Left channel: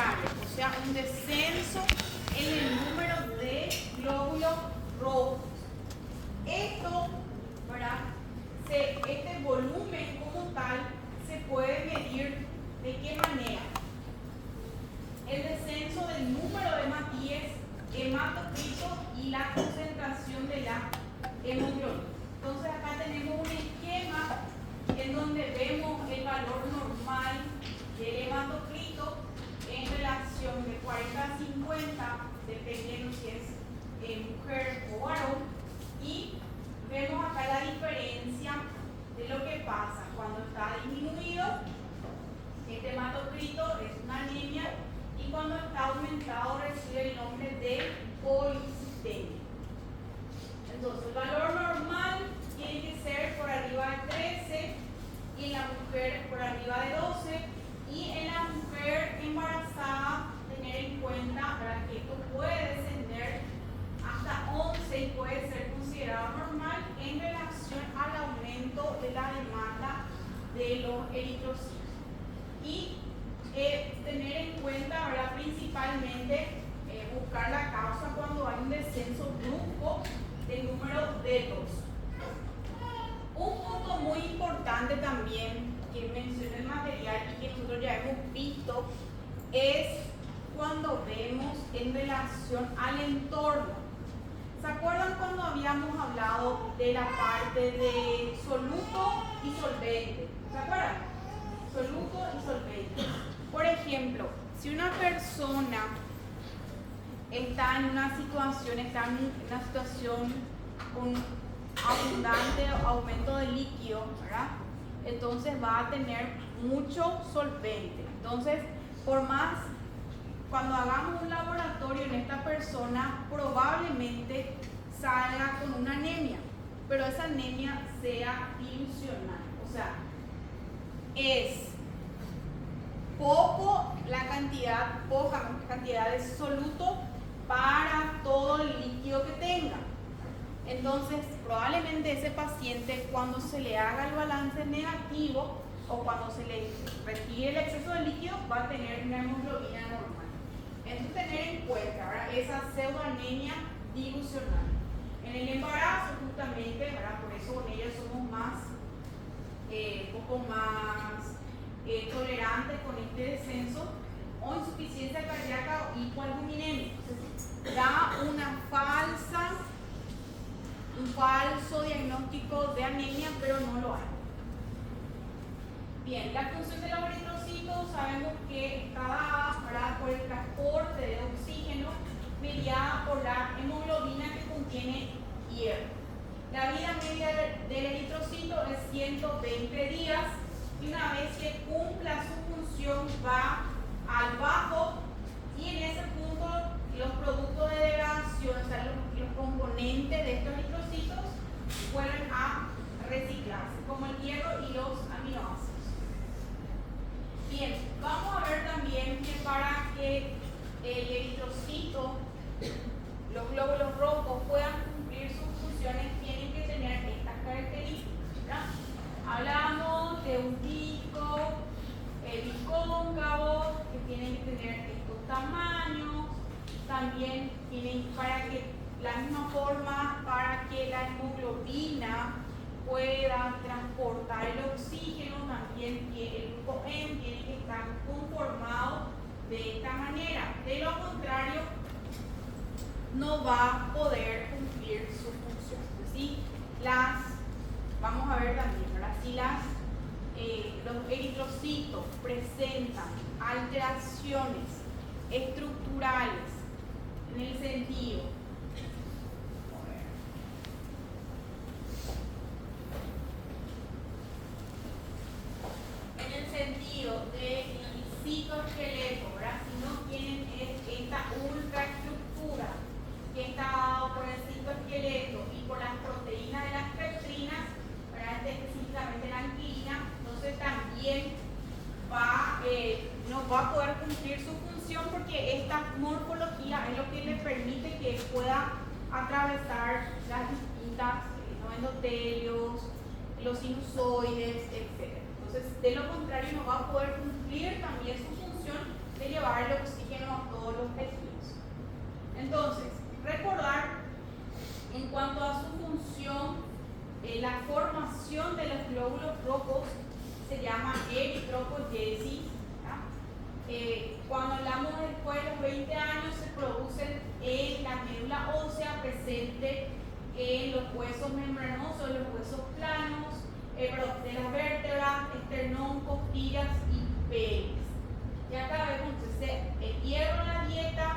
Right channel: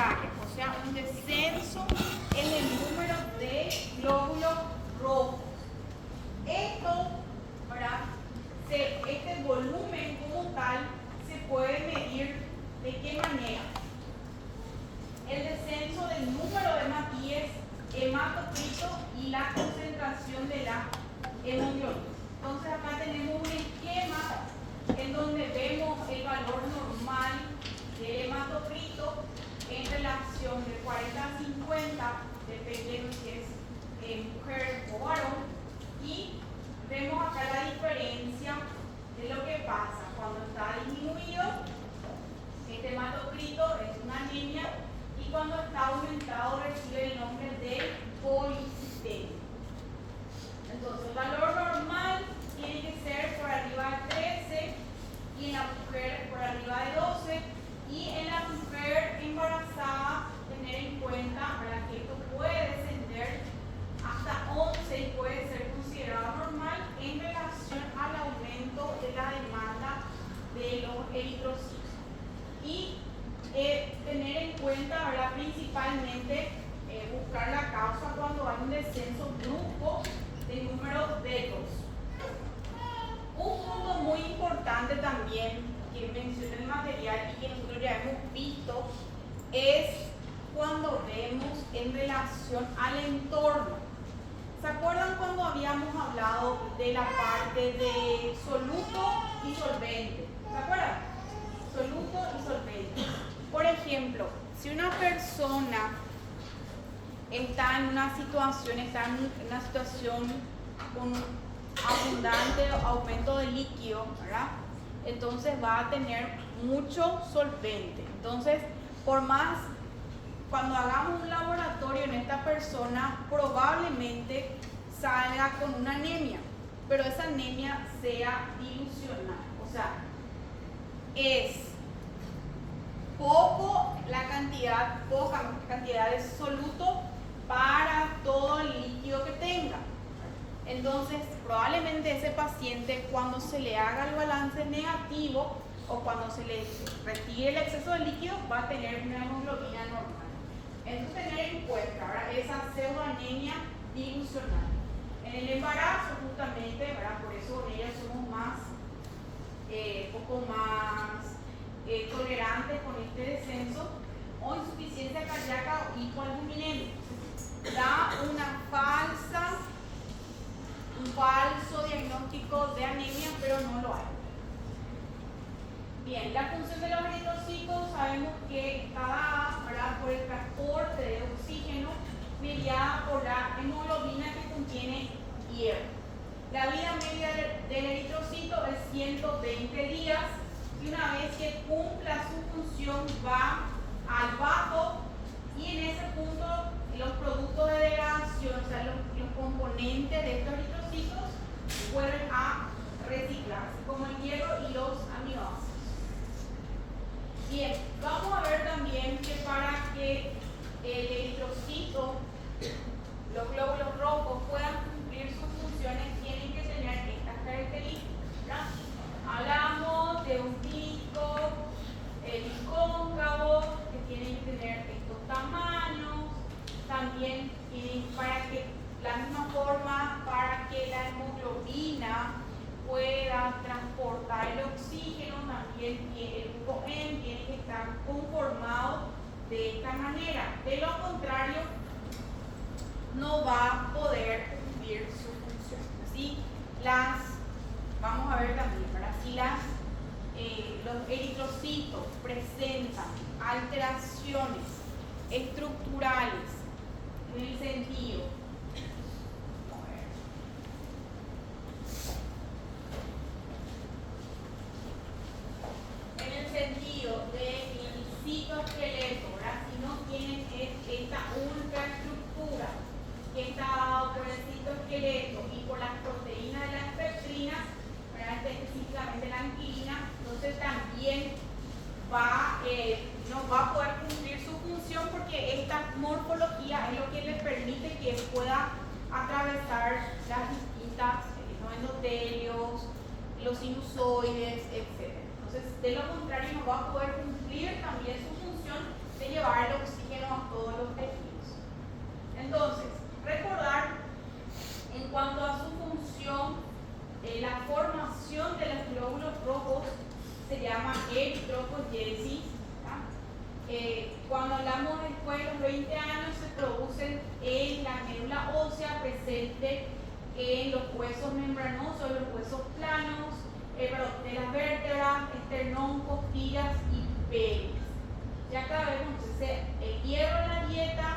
contraria, o sea, un descenso en el número de glóbulos rojos. Esto, ¿verdad? Este volumen como tal se puede medir de qué manera. El descenso del número de hematíes, hematocrito y la concentración de la hemoglobina. Entonces acá tenemos un esquema en donde vemos el valor normal del hematocrito en relación de 40 a 50, dependiendo si es mujer o varón, y vemos acá la diferencia de lo que pasa cuando está disminuido. Este hematocrito es una anemia y cuando está aumentado recibe el nombre de policitemia. Entonces el valor normal tiene que ser por arriba de 13 y en la mujer por arriba de 12 y en la mujer embarazada tener en cuenta para que esto puede descender hasta 11 y puede ser considerado normal en relación al aumento de la demanda de los eritrocitos. Y tener en cuenta, ¿verdad? Principalmente buscar la causa cuando hay un descenso brusco del número de dos. Un punto muy importante también que menciona el material y que nosotros ya hemos visto es cuando vemos en relación al entorno. ¿Se acuerdan cuando habíamos hablado de la parte de soluto y solvente? ¿Se acuerdan? Soluto y solvente. Por ejemplo, si una persona está en una situación con abundante aumento de líquido, ¿verdad? Entonces va a tener mucho solvente. Entonces, por más, cuando hagamos un laboratorio en esta persona, probablemente salga con una anemia, pero esa anemia sea dilucional, o sea, es poca cantidad de soluto para todo el líquido que tenga. Entonces, probablemente ese paciente, cuando se le haga el balance negativo o cuando se le retire el exceso de líquido, va a tener una hemoglobina normal. Entonces, tener en cuenta, ¿verdad?, esa pseudoanemia dilucional. En el embarazo, justamente, ¿verdad?, por eso en ellas somos un poco más tolerantes con este descenso, o insuficiencia cardíaca o hipoalbuminemia. Da un falso diagnóstico de anemia, pero no lo hay. Bien, la función de los eritrocitos sabemos que está dada por el transporte de oxígeno mediada por la hemoglobina que contiene hierro. La vida media del eritrocito es 120 días y una vez que cumpla su función va al bajo y en ese punto los productos de degradación, o sea, los componentes de estos eritrocitos vuelven a reciclarse, como el hierro y los aminoácidos. Bien, vamos a ver también que para que el eritrocito, los glóbulos rojos, puedan cumplir sus funciones, tienen que tener estas características. Hablamos de un pico bicóncavo, que tienen que tener estos tamaños. También tienen, para que la misma forma, para que la hemoglobina pueda transportar el oxígeno, también el grupo N tiene que estar conformado de esta manera. De lo contrario, no va a poder cumplir su función. ¿Sí? Vamos a ver también, ¿verdad? Si los eritrocitos presentan alteraciones estructurales en el sentido, de el citoesqueleto, ¿verdad? Si no tienen esta ultraestructura que está dado por el citoesqueleto y por las proteínas de las peptinas, ¿verdad?, específicamente la anquilina, entonces también no va a poder cumplir su función, porque esta morfología es lo que le permite que pueda atravesar las distintas endotelios, los sinusoides, etc. Entonces, de lo contrario, no va a poder cumplir también su función de llevar el oxígeno cuando hablamos después de los 20 años se producen en la médula ósea presente en los huesos membranosos, los huesos planos, de las vértebras, esternón, costillas y pelvis. Ya cada vez entonces el hierro en la dieta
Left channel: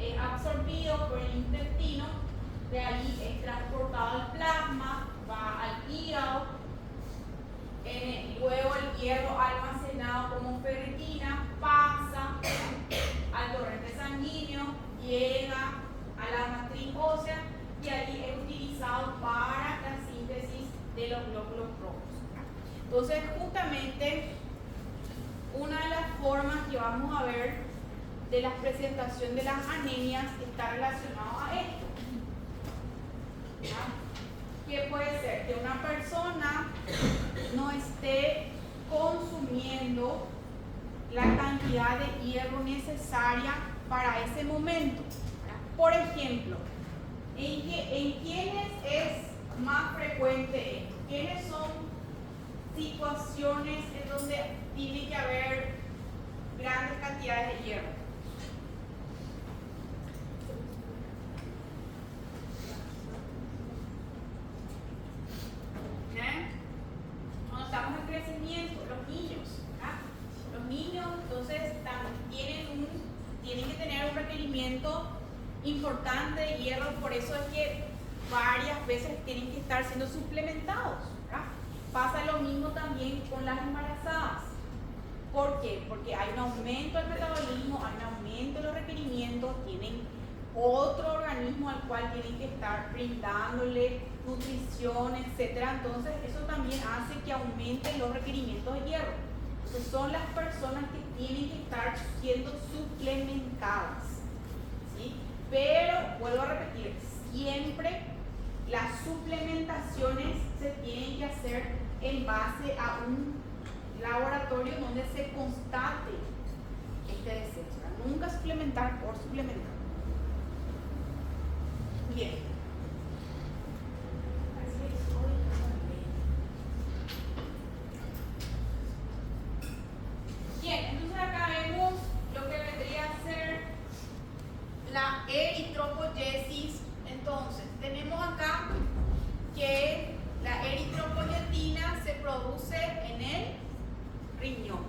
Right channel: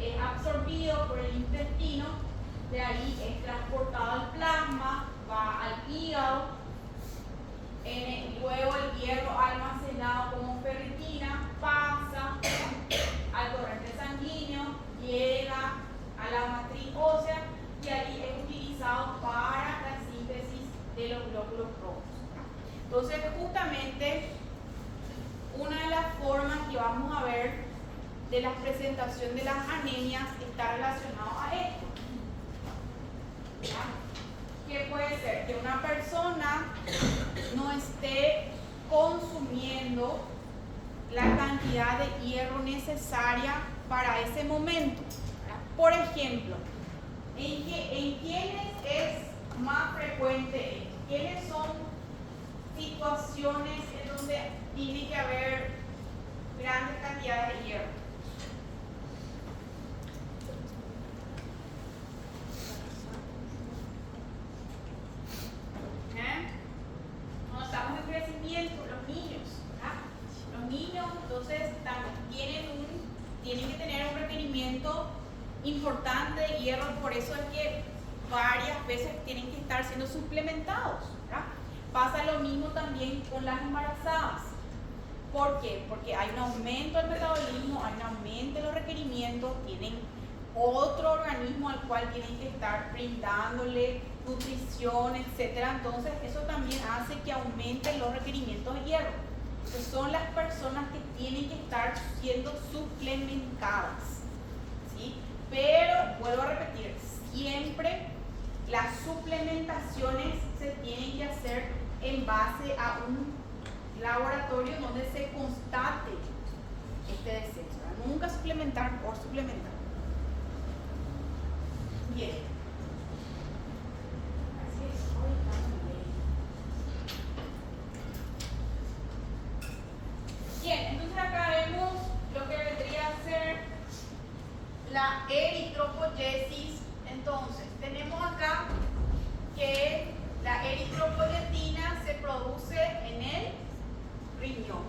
es absorbido por el intestino, de ahí es transportado al plasma, va al hígado, luego el hierro almacenado como ferritina pasa al torrente sanguíneo, llega a la matriz ósea y ahí es utilizado para la síntesis de los glóbulos rojos. Entonces, justamente, una de las formas que vamos a ver de la presentación de las anemias está relacionado a esto. ¿Qué puede ser? Que una persona no esté consumiendo la cantidad de hierro necesaria para ese momento. Por ejemplo, ¿en quiénes es más frecuente esto? ¿Quiénes son situaciones en donde tiene que haber grandes cantidades de hierro? Cuando estamos en crecimiento, los niños, ¿verdad? Los niños entonces también tienen que tener un requerimiento importante de hierro, por eso es que varias veces tienen que estar siendo suplementados, ¿verdad? Pasa lo mismo también con las embarazadas. ¿Por qué? Porque hay un aumento del metabolismo, hay un aumento de los requerimientos, tienen otro organismo al cual tienen que estar brindándole nutrición, etcétera. Entonces eso también hace que aumenten los requerimientos de hierro. Entonces son las personas que tienen que estar siendo suplementadas, ¿sí? Pero vuelvo a repetir, siempre las suplementaciones se tienen que hacer en base a un laboratorio donde se constate este descenso, ¿verdad? Nunca suplementar por suplementar. Bien. Bien, entonces acá vemos lo que vendría a ser la eritropoyesis. Entonces, tenemos acá que la eritropoyetina se produce en el riñón.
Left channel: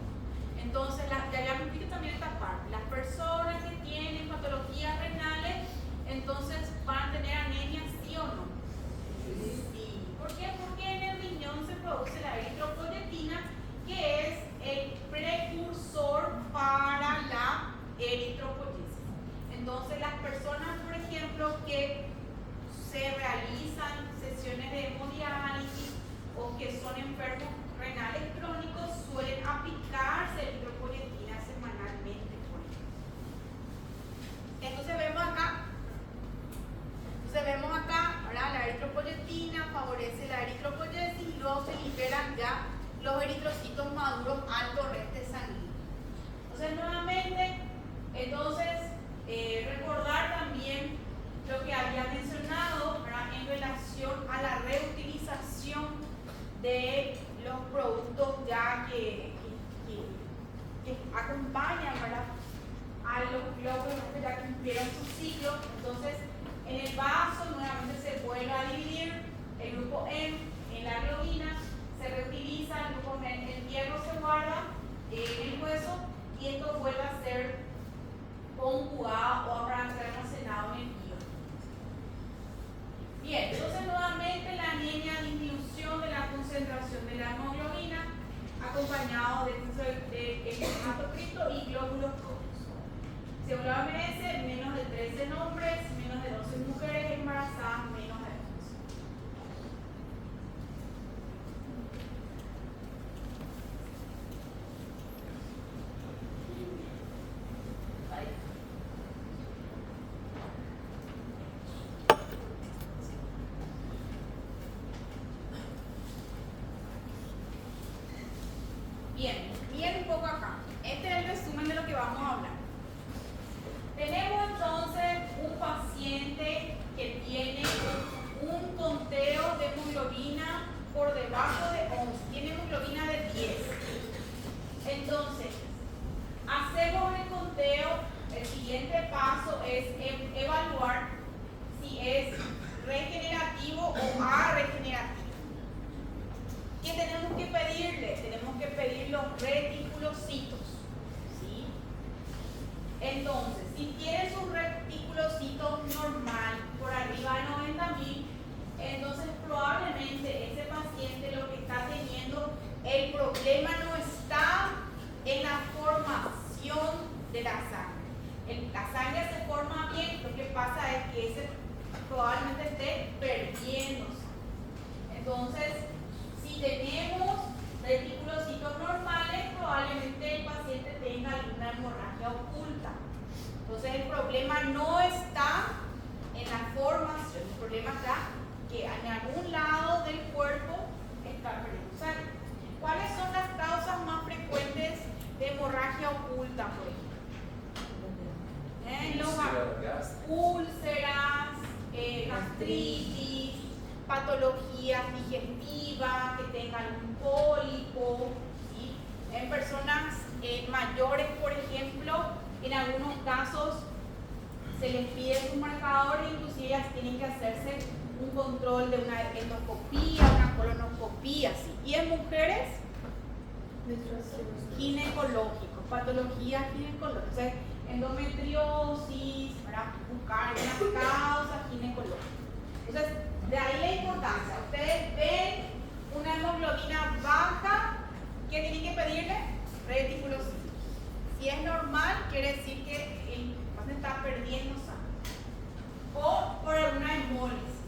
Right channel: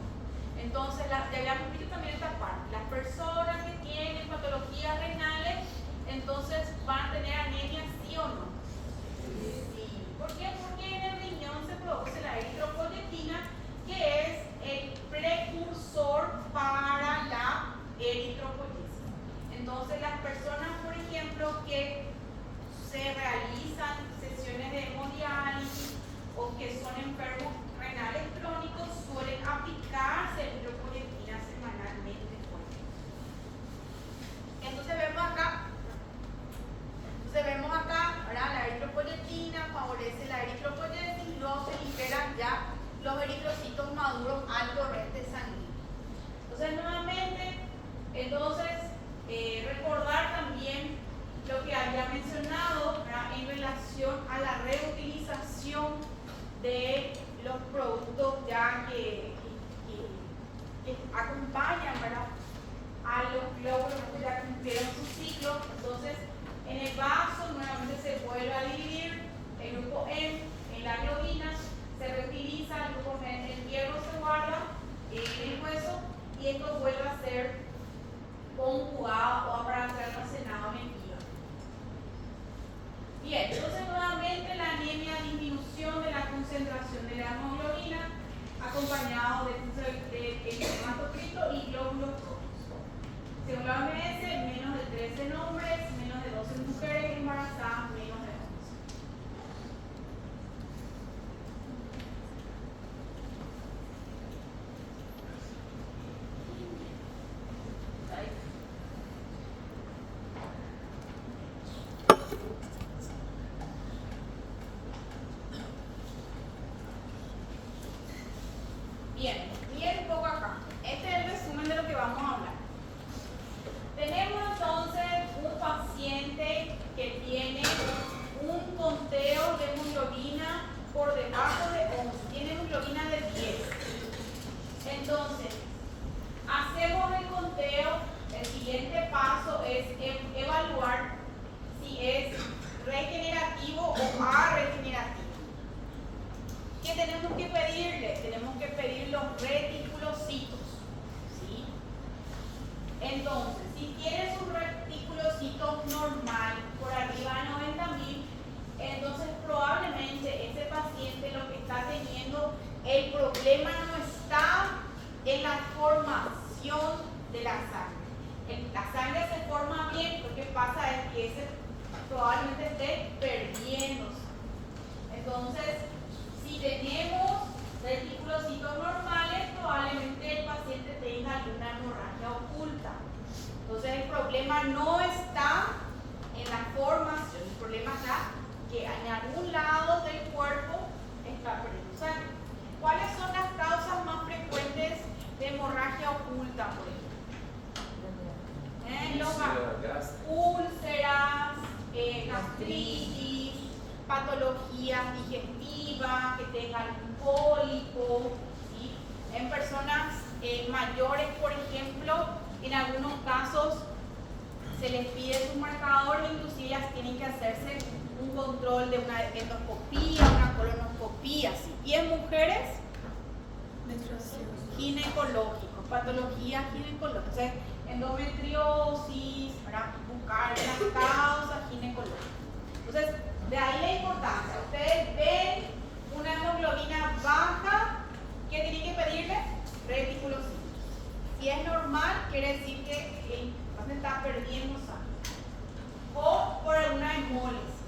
Entonces, ya habíamos visto también esta parte. Las personas que tienen patologías renales, entonces van a tener anemia, ¿sí o no? Sí. ¿Por qué? Porque en el riñón se produce la eritropoyetina, que es el precursor para la eritropoyesis. Entonces, las personas, por ejemplo, que se realizan sesiones de hemodiálisis o que son enfermos renales crónicos suelen aplicarse eritropoyetina semanalmente. Entonces vemos acá, ¿verdad? La eritropoyetina favorece la eritropoyesis y luego se liberan ya los eritrocitos maduros al torrente sanguíneo. Entonces nuevamente, recordar también lo que había mencionado, ¿verdad? En relación a la reutilización de los productos ya que acompañan, ¿verdad?, a los glóbulos que ya cumplieron su ciclo. Entonces, en el vaso nuevamente se vuelve a dividir el grupo M en la globina, se reutiliza el grupo M, el hierro se guarda en el hueso y esto vuelve a ser conjugado o para ser almacenado en el hígado. Bien, entonces nuevamente la anemia, disminución de la concentración de la hemoglobina acompañado de hematocrito y glóbulos rojos. Según la OMS, menos de 13 en hombres, menos de 12 en mujeres embarazadas, menos de 11. Bien, miren un poco acá. Este es el resumen de lo que vamos a hablar. Tenemos entonces un paciente que tiene un conteo de hemoglobina por debajo de 11, tiene hemoglobina de 10. Entonces, hacemos el conteo siguiente paso es evaluar si es regenerativo o arregenerativo. ¿Qué tenemos que pedirle? Tenemos que pedir los reticulocitos, ¿sí? Entonces, si tienes un reticulocito normal por arriba de 90.000, entonces probablemente ese paciente lo que está teniendo, el problema no está en la formación de la sangre. La sangre se forma bien, lo que pasa es que ese probablemente esté perdiendo sangre. Entonces, si tenemos reticulocitos normales, probablemente el paciente tenga alguna hemorragia oculta. Entonces, el problema no está en la formación, el problema está que en algún lado del cuerpo está perdiendo sangre. ¿Cuáles son las causas más frecuentes de hemorragia oculta, por ejemplo? Úlceras, gastritis, patologías digestivas, que tengan algún pólipo, ¿sí? En personas mayores, por ejemplo, en algunos casos se les pide sus marcadores, inclusive ellas tienen que hacerse un control de una endoscopía, una colonoscopía, ¿sí? Y en mujeres, ginecológicos, patologías ginecológicas, o sea, endometriosis, para buscar las causas ginecológicas. Entonces, de ahí la importancia. Ustedes ven una hemoglobina baja, ¿qué tienen que pedirle? Reticulocitos. Si es normal, quiere decir que el paciente está perdiendo sangre o por alguna hemólisis.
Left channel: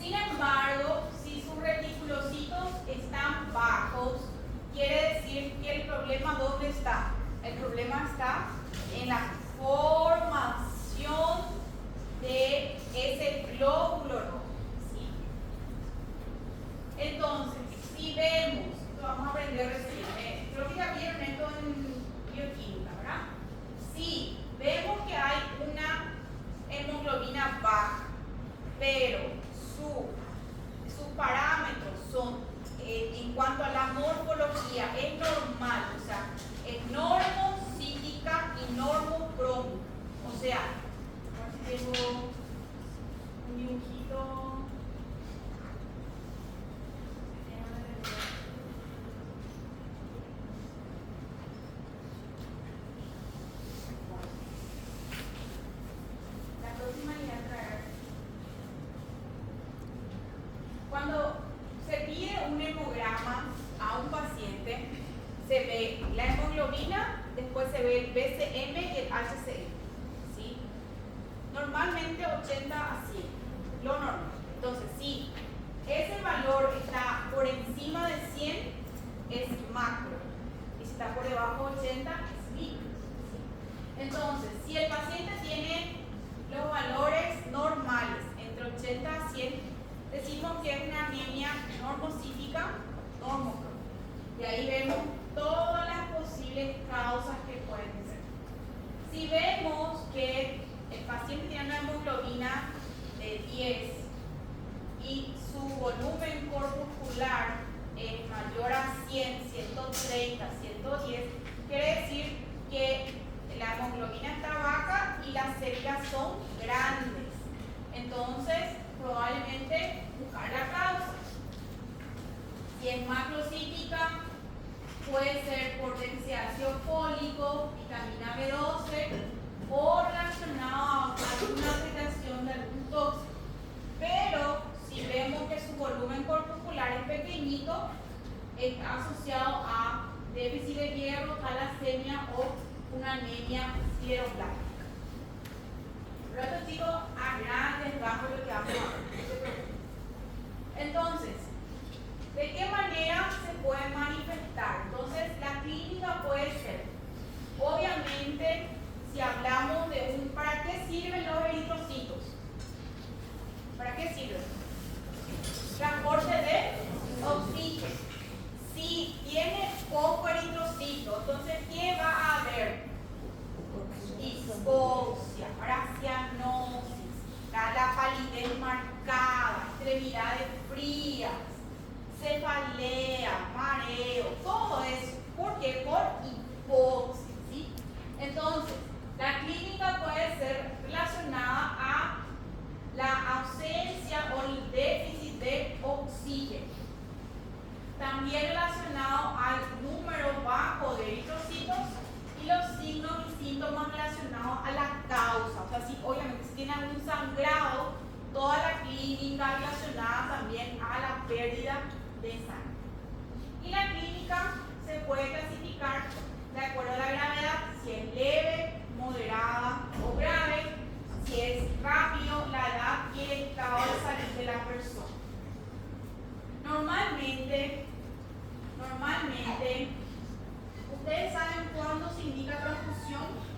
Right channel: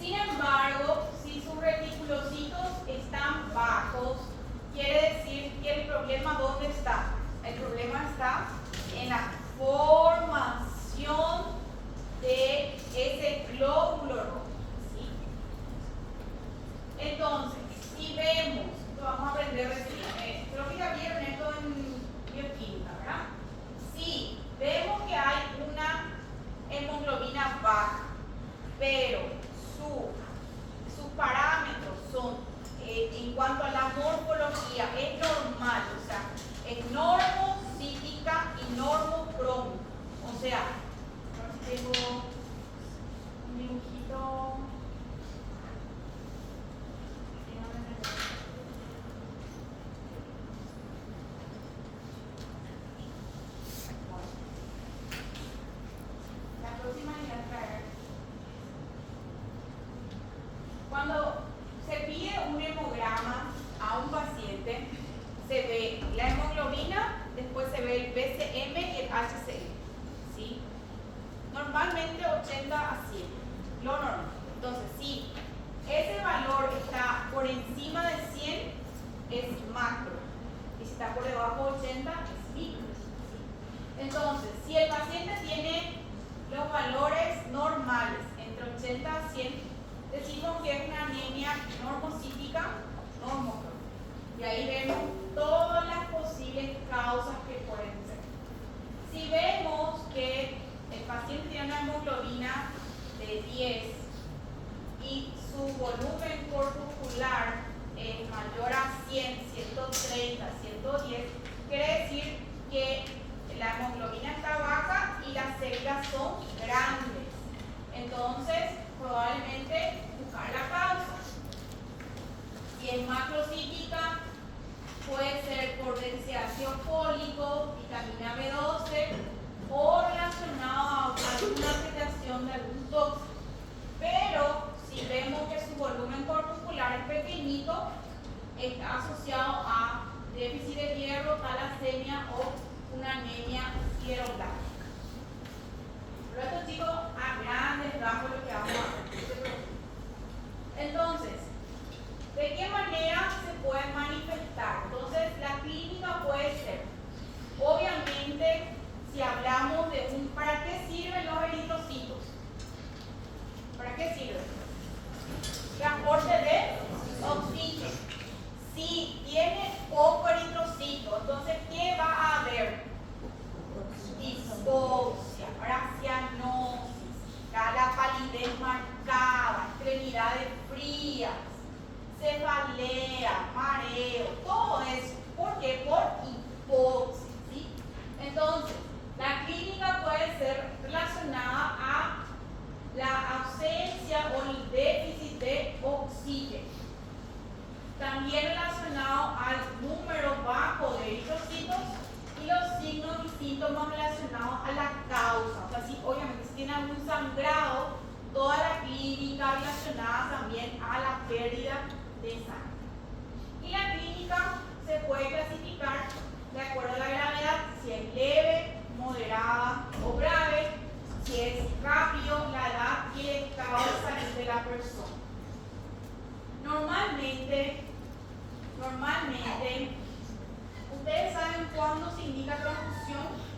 Sin embargo, si sus reticulocitos están bajos, quiere decir que el problema ¿dónde está? El problema está en la formación de ese glóbulo rojo, ¿sí? Entonces, si vemos, esto vamos a aprender recién, creo que ya vieron esto en bioquímica, ¿verdad? Si vemos que hay una hemoglobina baja, pero sus parámetros son, en cuanto a la morfología, es normal, o sea, es normocítica y normocrómica. O sea, tengo un dibujito. La próxima le voy a traer. Cuando se pide un hemograma a un paciente, se ve la hemoglobina, después se ve el BCM y el HCM, ¿sí? Normalmente 80 a 100, lo normal. Entonces, si ese valor está por encima de 100, es macro, y si está por debajo de 80, es micro, ¿sí? Entonces, si el paciente tiene los valores normales entre 80 a 100, decimos que es una anemia normocítica, normocrómica. Y ahí vemos todas las posibles causas que pueden ser. Si vemos que el paciente tiene una hemoglobina de 10 y su volumen corpuscular es mayor a 100, 130, 110, quiere decir que la hemoglobina está baja y las células son grandes. Entonces, probablemente buscar la causa. Si es macrocítica, puede ser por déficit de ácido fólico, vitamina B12 o relacionado a alguna alteración de algún tóxico. Pero si vemos que su volumen corpuscular es pequeñito, está asociado a déficit de hierro, talasemia o una anemia sideroblástica. Pero esto, chicos, a grandes rasgos lo que vamos a ver. Entonces, ¿de qué manera se puede manifestar? Entonces, la clínica puede ser, obviamente, si hablamos de un, ¿para qué sirven los eritrocitos? ¿Para qué sirven? Transporte de oxígeno. Si tiene poco eritrocito, entonces, ¿qué va a haber? Dispoxia, cianosis, la palidez marcada, extremidades frías, cefalea, mareo, todo eso. ¿Por qué? Por hipoxia, ¿sí? Entonces, indica transfusión?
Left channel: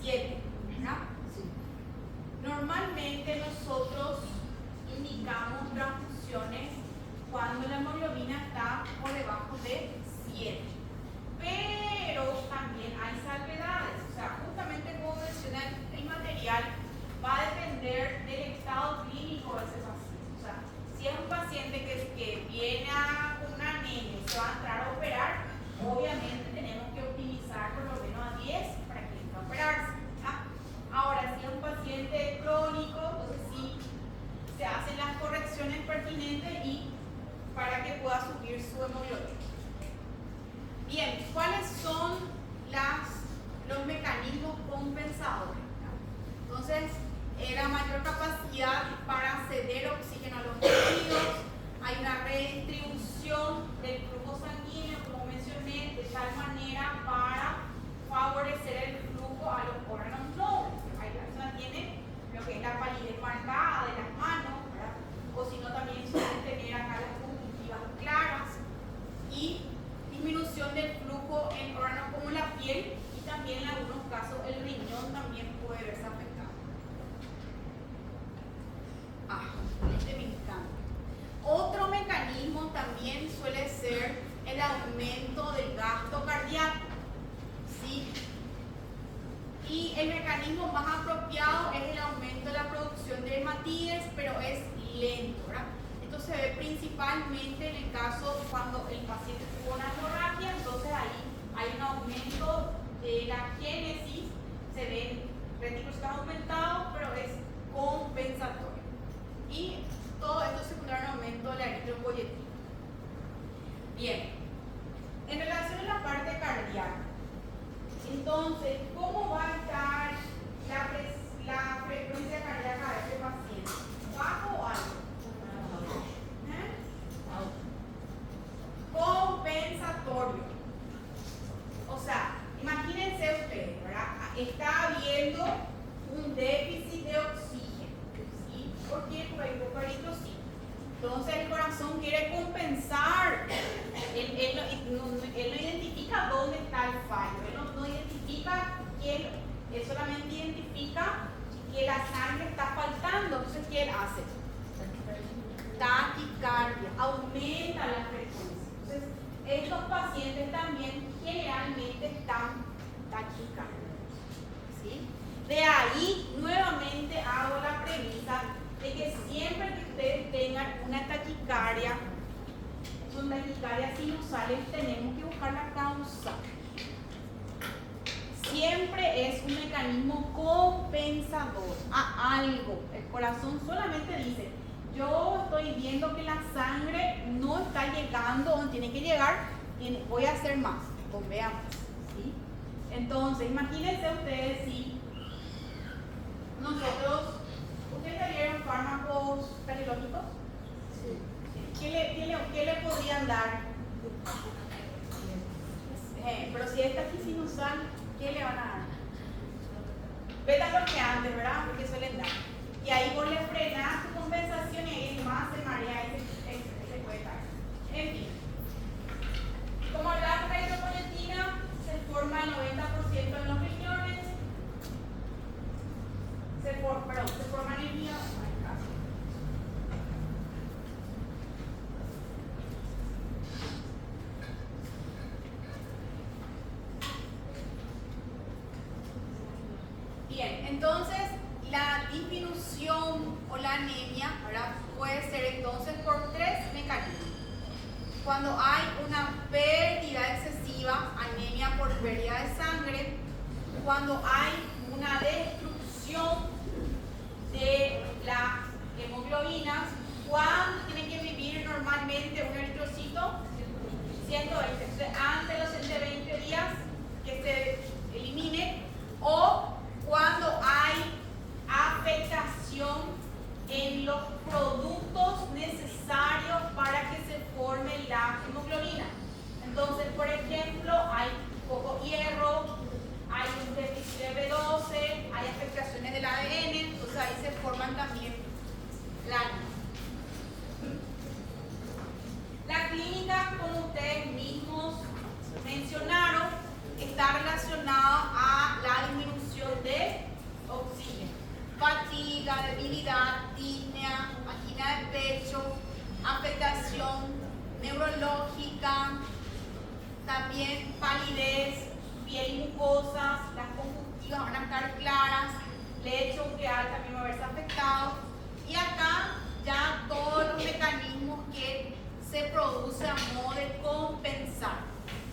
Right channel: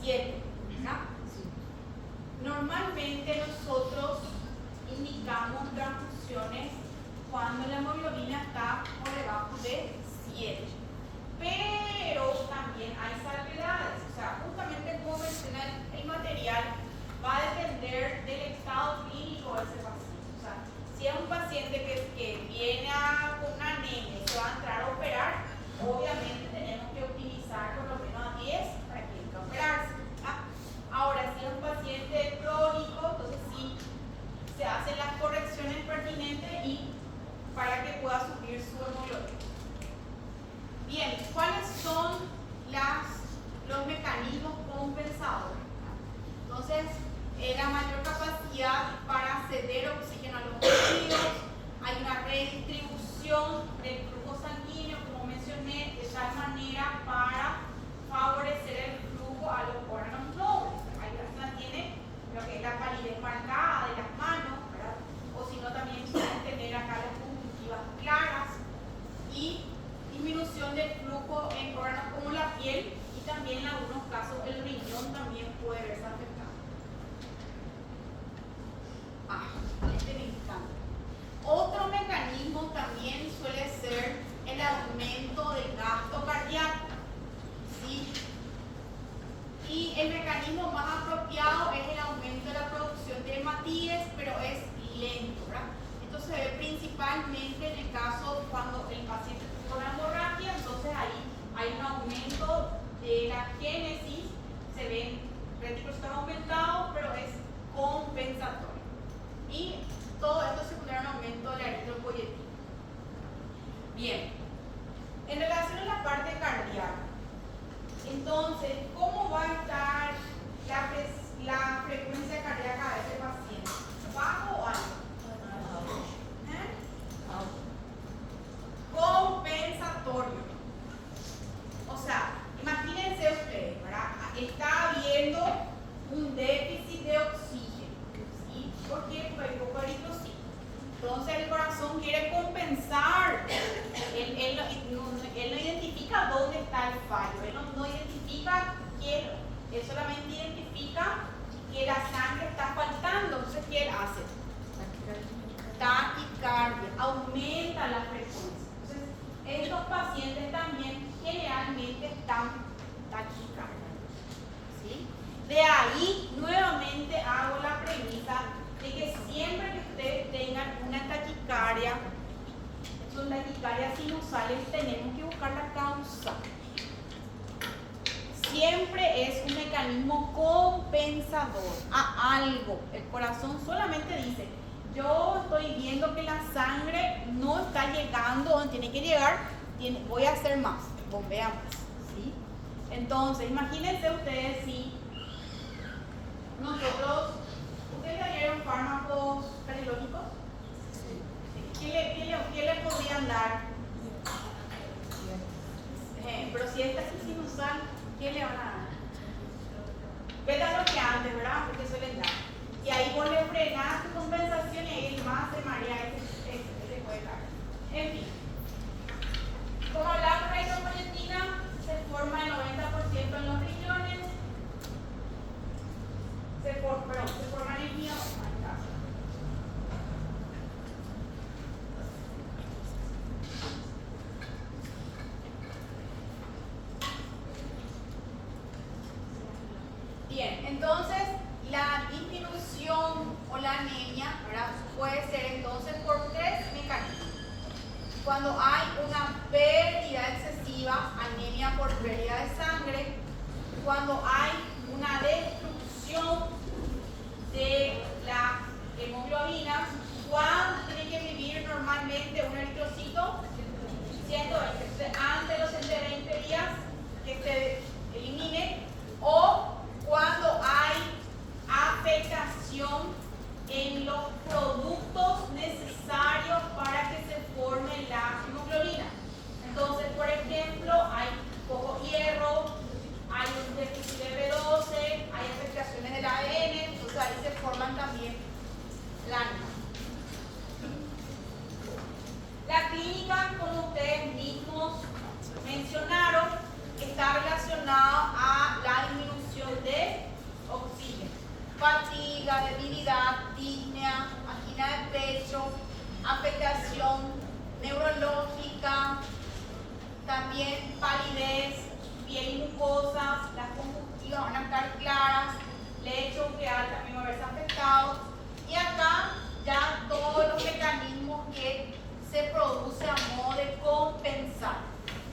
7, ¿verdad? Normalmente nosotros indicamos transfusiones cuando la hemoglobina está por debajo de 7. Pero también hay salvedades, o sea, justamente como menciona el material, va a depender del estado clínico de ese paciente. O sea, si es un paciente que viene con una anemia y se va a entrar a operar, obviamente tenemos que optimizar por lo menos a 10 para que entre a operarse. Ahora, si es un paciente crónico, entonces sí se hacen las correcciones pertinentes y para que pueda subir su hemoglobina. Bien, ¿cuáles son los mecanismos compensadores? Entonces, la mayor capacidad para ceder oxígeno a los tejidos, hay una redistribución del flujo sanguíneo, como mencioné, de tal manera para favorecer el flujo a los órganos nobles. Hay personas que tienen lo que es la palidez marcada de las manos, ¿verdad? O si no, también suelen tener acá las conjuntivas claras y disminución del flujo en órganos como la piel y también en algunos casos el riñón también puede verse afectado. Este me encanta. Otro mecanismo también suele ser el aumento del gasto cardíaco, ¿sí? Y el mecanismo más apropiado es el aumento de la producción de hematíes, pero es lento, ¿verdad? Esto se ve principalmente en el caso cuando el paciente tuvo una hemorragia, entonces ahí hay un aumento de la génesis, se ven retículos aumentados, pero es compensatorio. Y todo esto secundario a un aumento de la eritropoyetina. Bien, en relación a la parte cardíaca, entonces, ¿cómo va a estar la frecuencia cardíaca de este paciente? ¿Bajo o alto? Compensatorio. O sea, imagínense ustedes, ¿verdad? Está habiendo un déficit de oxígeno, ¿sí? ¿Por qué? Porque hay poco eritrocito. Entonces el corazón quiere compensar. Él no identifica dónde está el fallo. Él no identifica qué. Él solamente identifica que la sangre está faltando. Entonces, ¿qué él hace? Taquicardia. Aumenta la frecuencia. Entonces, estos pacientes también generalmente están taquicárdiacos, ¿sí? De ahí, nuevamente hago la premisa de que siempre que ustedes tengan una taquicardia, son taquicardias sinusales, tenemos que buscar la causa. Siempre es un mecanismo compensador a algo. El corazón solamente dice, yo estoy viendo que la sangre no está llegando donde tiene que llegar, voy a hacer más, bombea más, ¿sí? Entonces, imagínense ustedes si nosotros, ¿ustedes le dieron fármacos cardiológicos? Sí. ¿Qué le podrían dar? Pero si esta es sinusal, ¿qué le van a dar? Beta bloqueante, ¿verdad? Porque suelen dar. Y ahí vos le frenás tu compensación y él más se marea, ese puede dar. En fin. Como hablamos de eritropoyetina, se forma el 90% en los riñones. Se forma en el mío. Bien, entonces la disminución o la anemia, ¿verdad? Puede ser entonces por tres mecanismos. Cuando hay una pérdida excesiva, anemia por pérdida de sangre, cuando hay una destrucción de las hemoglobinas, ¿cuánto tiene que vivir normalmente un eritrocito? 120. Entonces, antes de los 120 días que se elimine, o cuando hay afectación en los productos necesarios para que se forme la hemoglobina. Entonces, por ejemplo, hay poco hierro, hay un déficit de B12, hay afectaciones del ADN, entonces ahí se forman también láminas. La clínica, como ustedes mismos mencionaron, está relacionado a la disminución de oxígeno, fatiga, debilidad, disnea, angina de pecho, afectación neurológica, también palidez, piel y mucosas, las conjuntivas van a estar claras, lecho ureal también va a verse afectado, y acá ya todos los mecanismos que se producen a modo de compensar:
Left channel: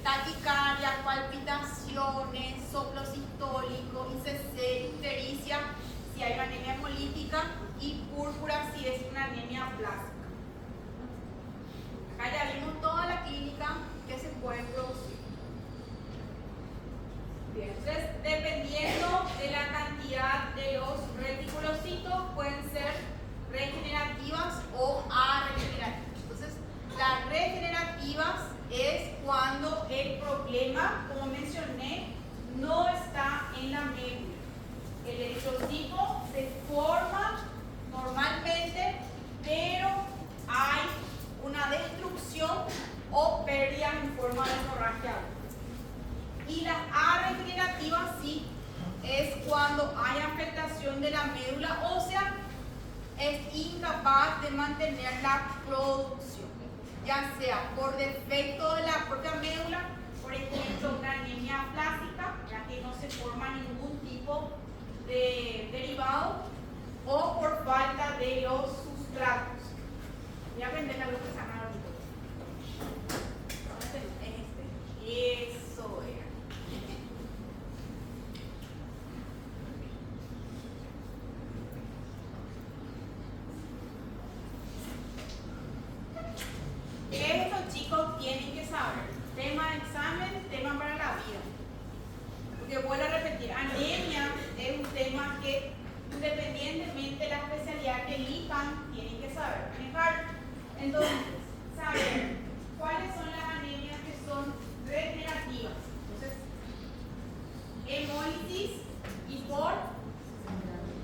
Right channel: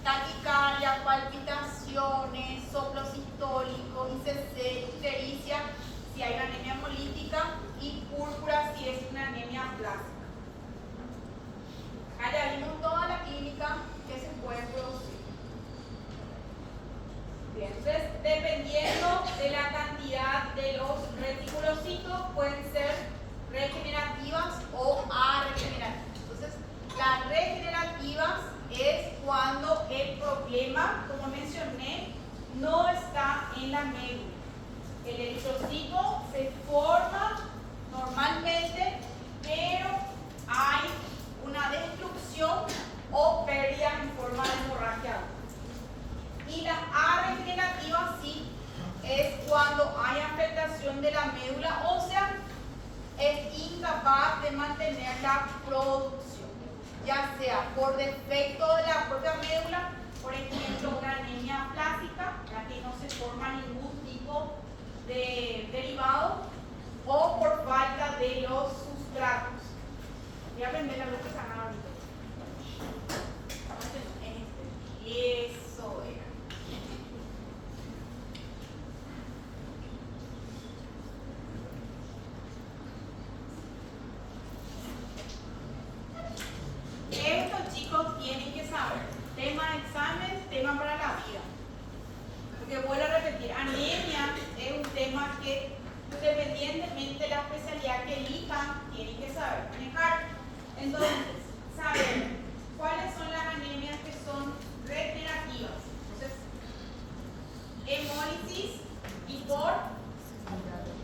taquicardia, palpitaciones, soplo sistólico, ICC, ictericia si hay una anemia hemolítica y púrpura si es una anemia plástica. Acá ya vimos toda la clínica que se puede producir. Bien, entonces dependiendo de la cantidad de los reticulocitos pueden ser regenerativas o arregenerativas. Entonces, las regenerativas es cuando el problema, como mencioné, no está en la médula. El eritrocito se forma normalmente, pero hay una destrucción o pérdida en forma de hemorragia. Y las arregenerativas sí es cuando hay afectación de la médula ósea, es incapaz de mantener la producción, ya sea por defecto de la propia médula, por ejemplo una anemia plástica, ya que no se forma ningún tipo de derivado, o por falta de los sustratos. Voy a prender la luz que se llama ahorita. Eso era. Estos chicos tienen que saber, tema de examen, tema para la vida. Porque vuelvo a repetir, anemia es un tema que independientemente de la especialidad que elijan, tienen que saber manejar. Entonces, saber cuáles son las anemias que son regenerativas. Entonces, hemólisis y por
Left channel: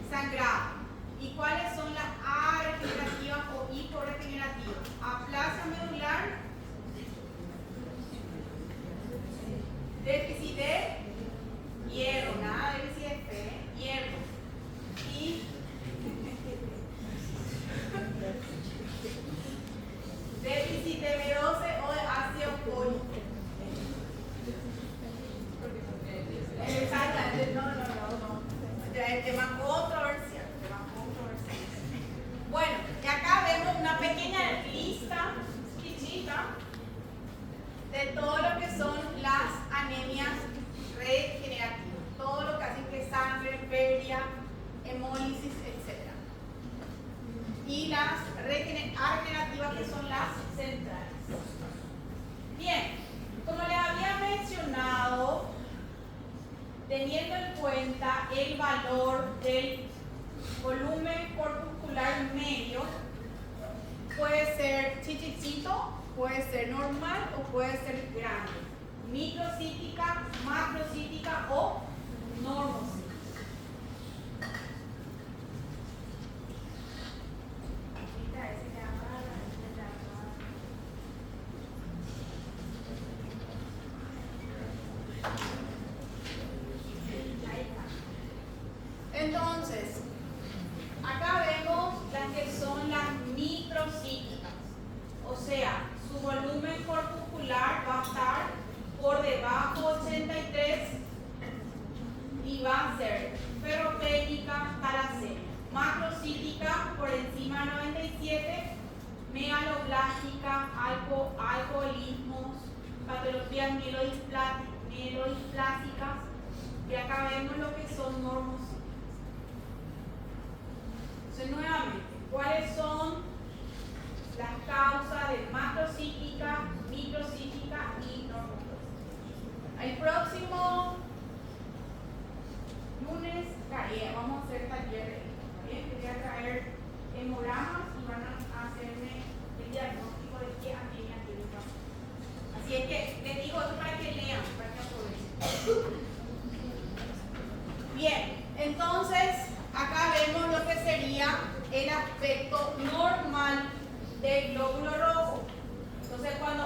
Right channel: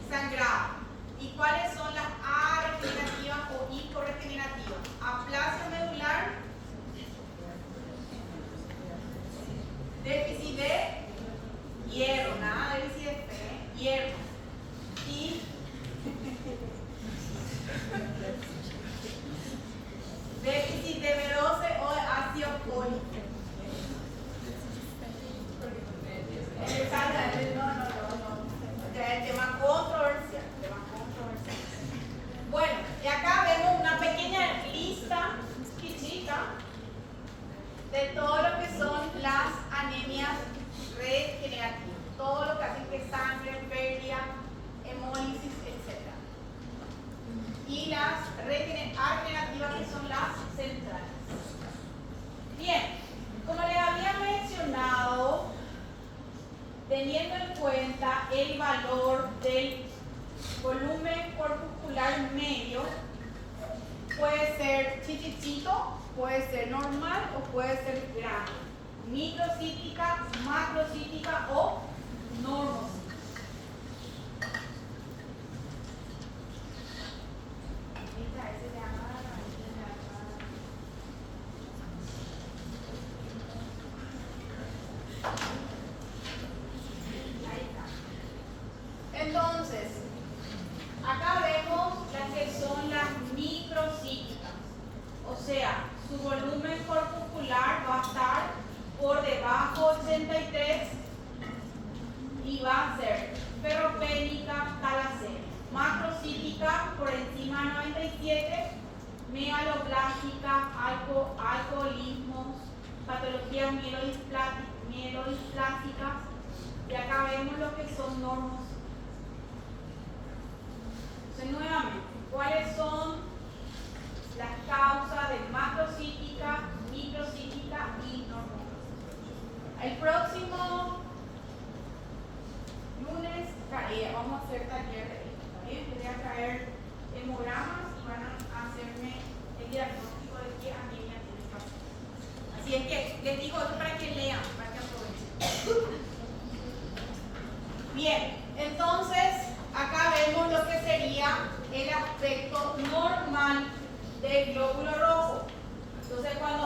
sangrado. ¿Y cuáles son las arregenerativas o hiporregenerativas? Aplasia medular, déficit de hierro, nada de déficit de fe, hierro. Y déficit de B12 o de ácido fólico. Exactamente, no. El tema controversial, Bueno, y acá vemos una pequeña lista chiquita de todo lo que son las anemias regenerativas. Todo lo que hace que sangre, pérdida, hemólisis, etc. Y las regenerativas, que son las centrales. Bien, como les había mencionado, teniendo en cuenta el valor del volumen corpuscular medio, puede ser chichicito, puede ser normal o puede ser grande, microcítica, macrocítica o normocítica. Entonces, acá vemos las que son las microcíticas, o sea, su volumen corpuscular va a estar por debajo de 83 y va a ser ferropénica, talasemia. Macrocítica por encima de 97, megaloblástica, alcoholismos, patologías mielodisplásicas, y acá vemos lo que son normocíticas. Entonces, nuevamente, ¿cuáles son las causas de macrocítica, microcítica y normocítica? El próximo lunes vamos a hacer taller de esto. También voy a traer hemogramas y van a hacerme el diagnóstico de qué anemia tiene que hacer. Así es que les digo esto para que lean, para que aprovechen. Bien, entonces acá vemos lo que sería el aspecto normal del glóbulo rojo. Entonces, cuando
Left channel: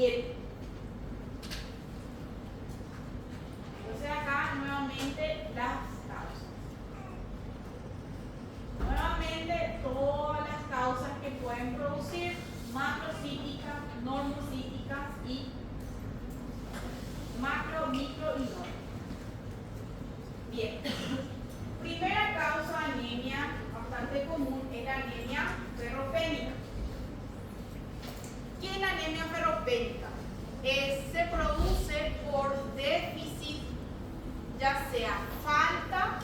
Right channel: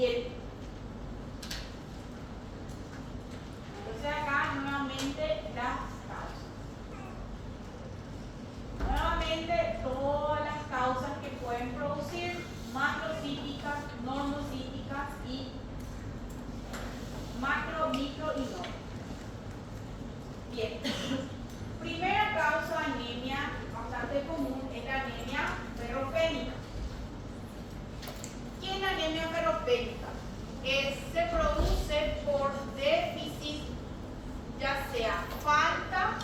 7. Entonces acá nuevamente las causas. Nuevamente todas las causas que pueden producir macrocíticas, normocíticas y macro, micro y no. Bien. Primera causa de anemia bastante común es la anemia ferropénica. ¿Qué es la anemia ferropénica? Se produce por déficit, ya sea falta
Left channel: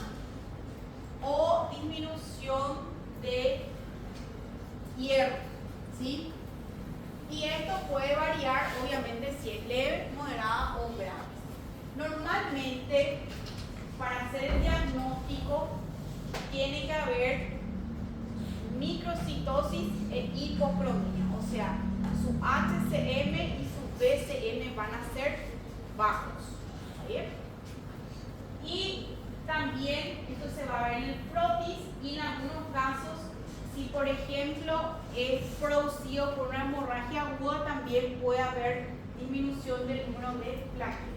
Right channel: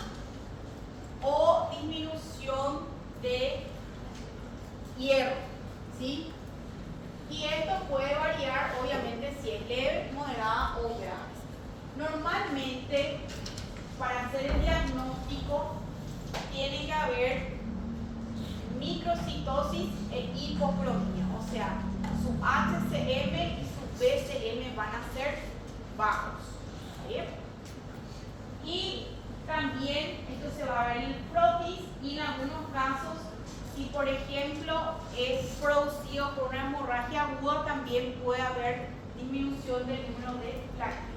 o disminución de hierro, ¿sí? Y esto puede variar, obviamente, si es leve, moderada o grave. Normalmente, para hacer el diagnóstico, tiene que haber microcitosis e hipocromia, o sea, su HCM y su BCM van a ser bajos. ¿Bien? Y también esto se va a ver en el frotis y en algunos casos, si por ejemplo es producido por una hemorragia aguda, también puede haber disminución del número de plaquetas.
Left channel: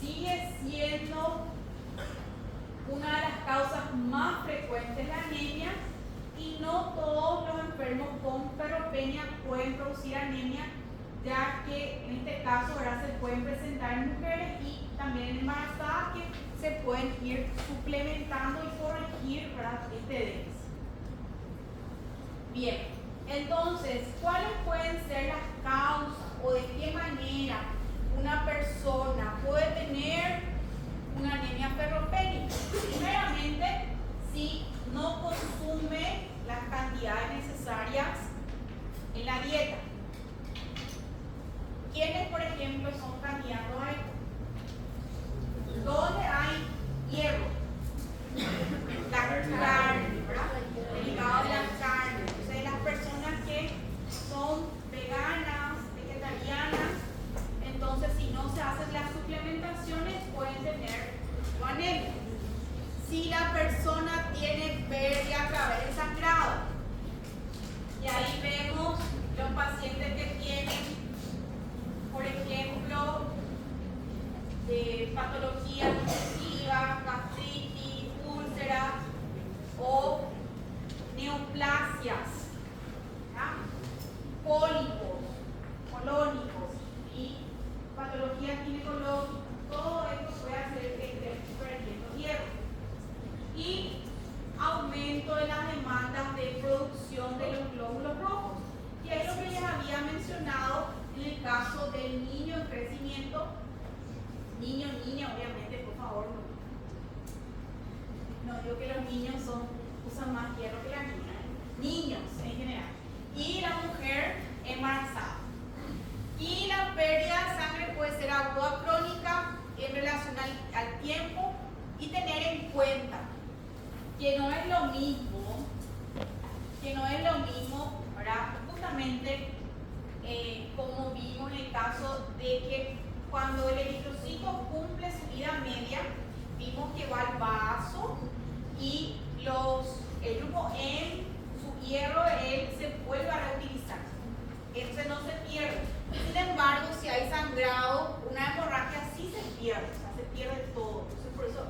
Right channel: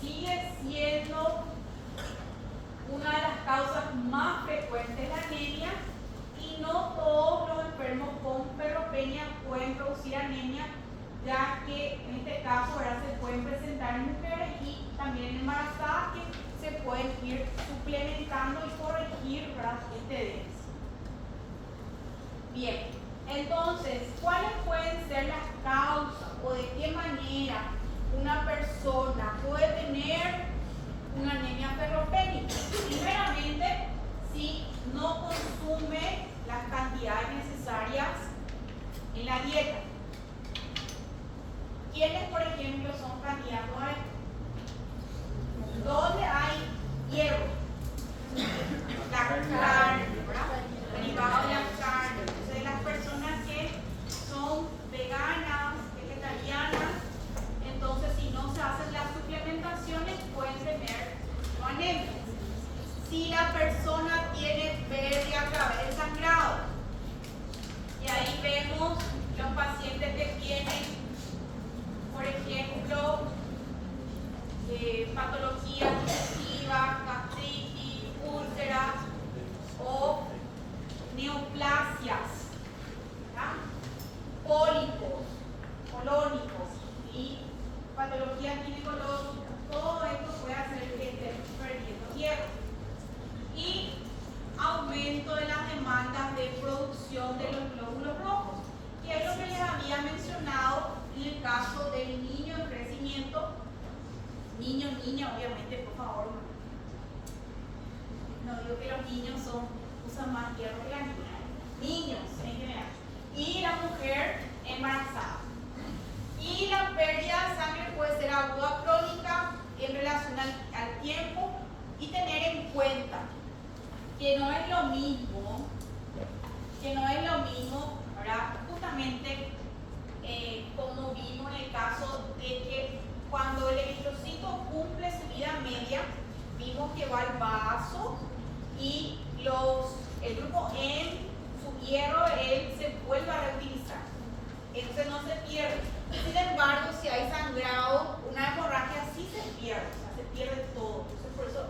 Sigue siendo una de las causas más frecuentes de la anemia y no todos los enfermos con ferropenia pueden producir anemia, ya que en este caso ahora se pueden presentar en mujeres y también en embarazadas que se pueden ir suplementando y corregir este déficit. Bien, entonces, ¿cuáles pueden ser las causas o de qué manera una persona puede tener una anemia ferropénica? Primeramente, si no consume las cantidades necesarias en la dieta. ¿Quiénes, por ejemplo, son candidatos a esto? ¿Dónde hay hierro? La carne, ¿verdad? Derivado de la carne. Entonces, las personas que son veganas, vegetarianas, entonces si no se hacen las suplementaciones pueden tener anemia. Si la persona tiene pérdida a través del sangrado, y ahí vemos los pacientes que tienen, por ejemplo, patologías digestivas, gastritis, úlceras o neoplasias, ¿verdad? Pólipos colónicos y patologías ginecológicas. Todo esto puede hacer que esté perdiendo hierro. Y aumento de las demandas de producción de los glóbulos rojos, que es lo que les había mencionado en el caso del niño en crecimiento. Niño, niña, obviamente, por favor. No digo que los niños usan más hierro que la niña. Niños en general. Y la mujer embarazada. Y la pérdida de sangre puede ser aguda crónica en relación al tiempo, y tener en cuenta que no es lo mismo, ¿verdad? Justamente como vimos en el caso de que cuando el eritrocito cumple su vida media, vimos que va al vaso y el grupo en su hierro él se vuelve a reutilizar. Entonces no se pierde. Sin embargo, si hay sangrado, una hemorragia sí se pierde, o sea, se pierde todo. Entonces por eso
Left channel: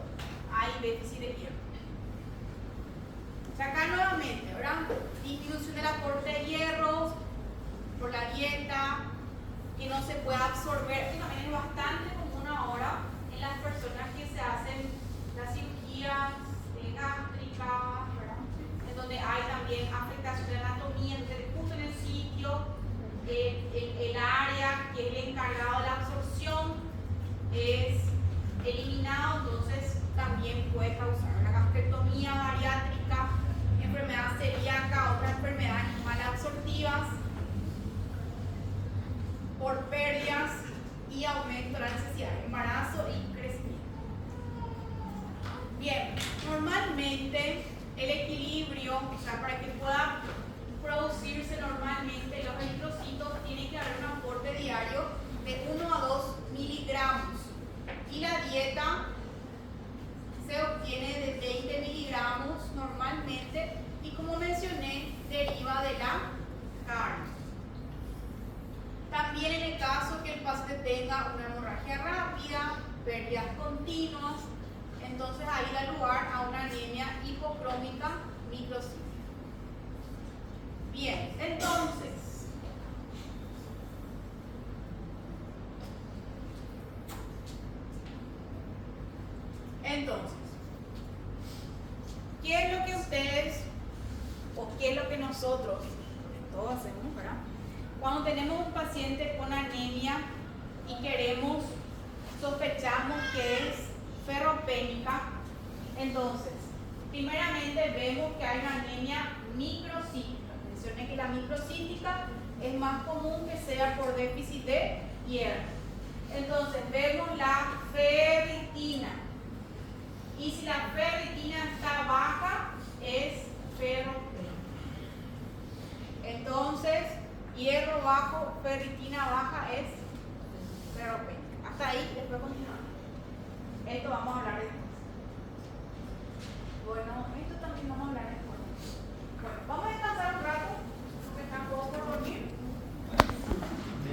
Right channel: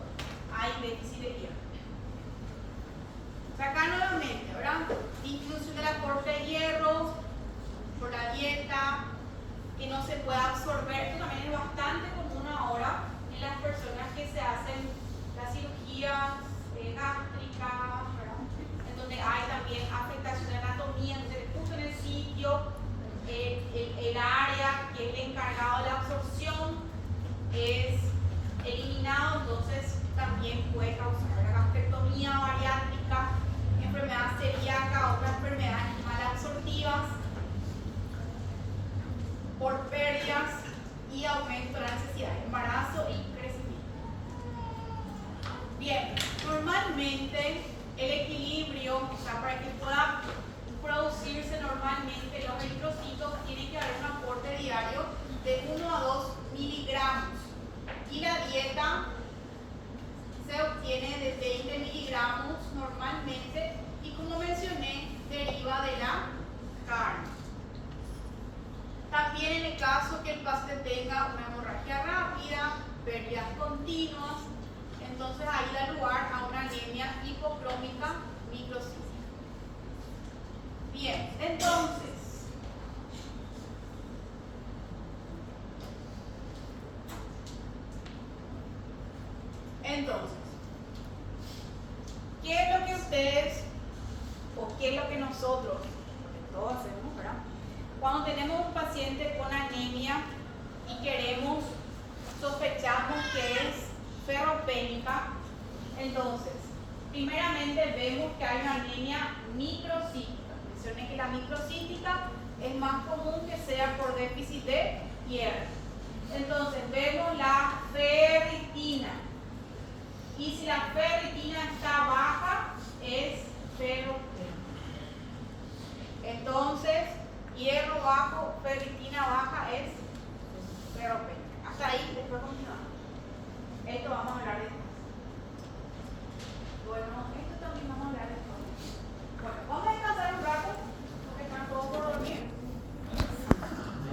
hay déficit de hierro. O sea, acá nuevamente, ¿verdad? Disminución del aporte de hierro por la dieta, que no se pueda absorber. Esto también es bastante común ahora en las personas que se hacen las cirugías gástricas, ¿verdad? En donde hay también afectación de anatomía, entonces justo en el sitio, el área que es el encargado de la absorción es eliminado, entonces también puede causar una gastrectomía bariátrica, enfermedad celíaca, otras enfermedades malabsortivas por pérdidas y aumento de la necesidad de embarazo y crecimiento. Bien, normalmente el equilibrio, o sea, para que pueda producirse normalmente los eritrocitos, tiene que haber un aporte diario de 1 a 2 miligramos y la dieta se obtiene de 20 miligramos normalmente, y como mencioné, deriva de la carne. paciente tenga una hemorragia rápida, pérdidas continuas, entonces ahí da lugar a una anemia hipocrómica microcítica. Bien, entonces, ¿qué es lo que ustedes o qué es lo que nosotros, todos hacemos, ¿verdad? Cuando tenemos un paciente con anemia y sospechamos que es ferropénica, entonces, primeramente vemos que hay una anemia microcítica. Mencioné que la microcítica es más común que sea por déficit de hierro. Entonces, vemos la ferritina. Y si la ferritina está baja, es ferropénica. Entonces, hierro bajo, ferritina baja es ferropénica. Hasta ahí, después continuamos.